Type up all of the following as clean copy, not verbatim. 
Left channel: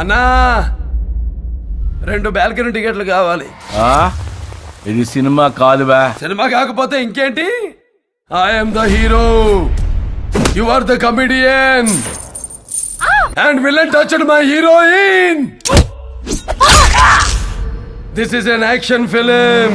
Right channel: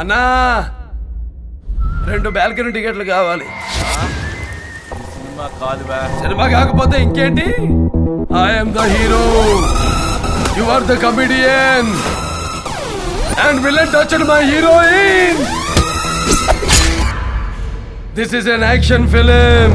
అన్నా 2 బాల్కనీ టికెట్లు కావాలి. ఇది సినిమా కాదువా? సినిమా కాకపోతే ఇంకేంటి? I'm the hero, you are the comedian and villain touched my heroine. This is an action film.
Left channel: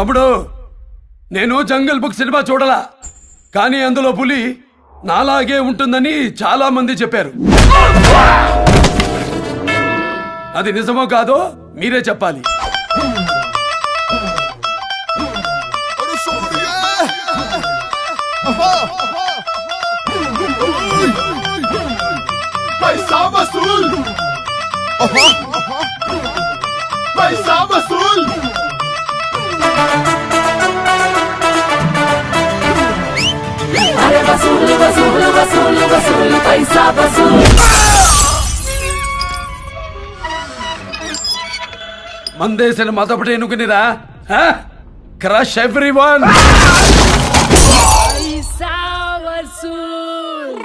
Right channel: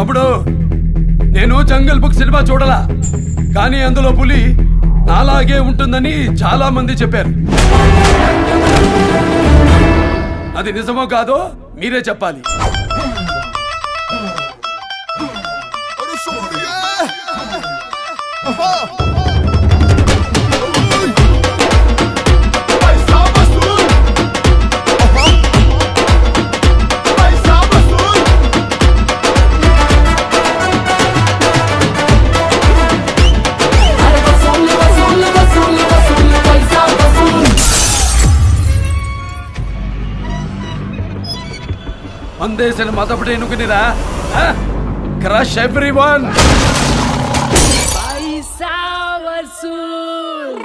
తమ్ముడు, నేను జంగల్ బుక్ సినిమా చూడలా, కానీ అందులో పులి నాలాగే ఉంటుందని చాలా మంది చెప్పారు. అది నిజమో కాదో మీరే చెప్పాలి. మందేసిన మొదటి ఎన్నుకునిరా, క్రష్ ఎవ్రీవన్. పైసా వసూల్.